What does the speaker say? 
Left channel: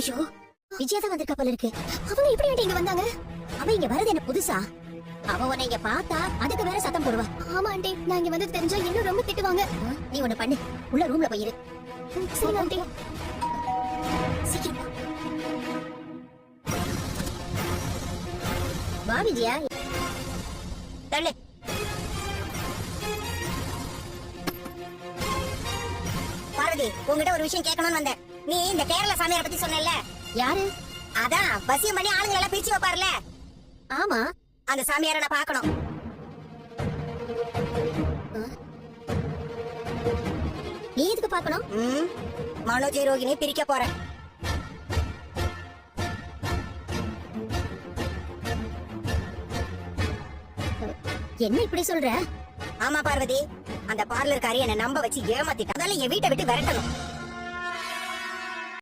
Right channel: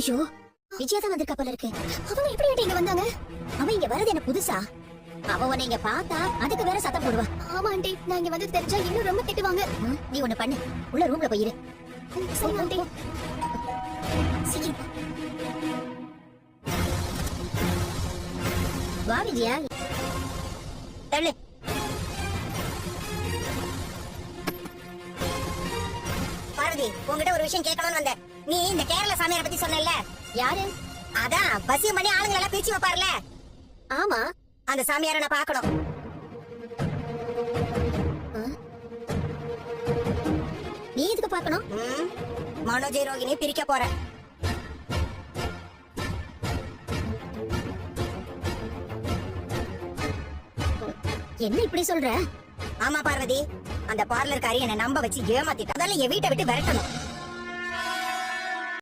ஐயோ, விஜயா தான் வந்திருக்கா போல இருக்கு. அவங்க எப்படி இங்க வந்தாங்க? அவன் இங்க வரது என்ன புதுசா? அவன் உன்னை இங்க பார்த்தா அதுக்கு வேற சத்தம் போடுவா. ஆமா ஆண்டி, நான் இங்க வந்து தெரிஞ்சா இன்னும் ரொம்ப திட்டுவாங்க. நீ ஒண்ணு பண்ணு, உள்ள ரூம்ல போய் இரு. சரி ஆண்டி. சீக்கிரம் வா விஜயா. தள்ளு. பார்வதி, உங்ககிட்ட ஒரு விஷயம் கேட்கணும்னு வந்தேன். நீ இந்த கேரள சாமியாரை பத்தி சொன்னல, யாரு? அதான் வசியம் பண்ணி ஆளுங்களை எல்லாம் பிரிச்சு வைப்பார்ல. ஆமா, அந்த சாமியாரை நான் பார்க்கணும். நீ எதுக்கு பார்க்கணும்? மனோஜ் ரோகிணி பிரிக்க போறேன். என்ன இப்படி சொல்ற? ஆமா பார்வதி, அந்த பார்லர்காரி என்ன நம்ப வச்சு ஏமாத்திட்டா. அதனால என் வீட்டை விட்டு விரட்டணும்.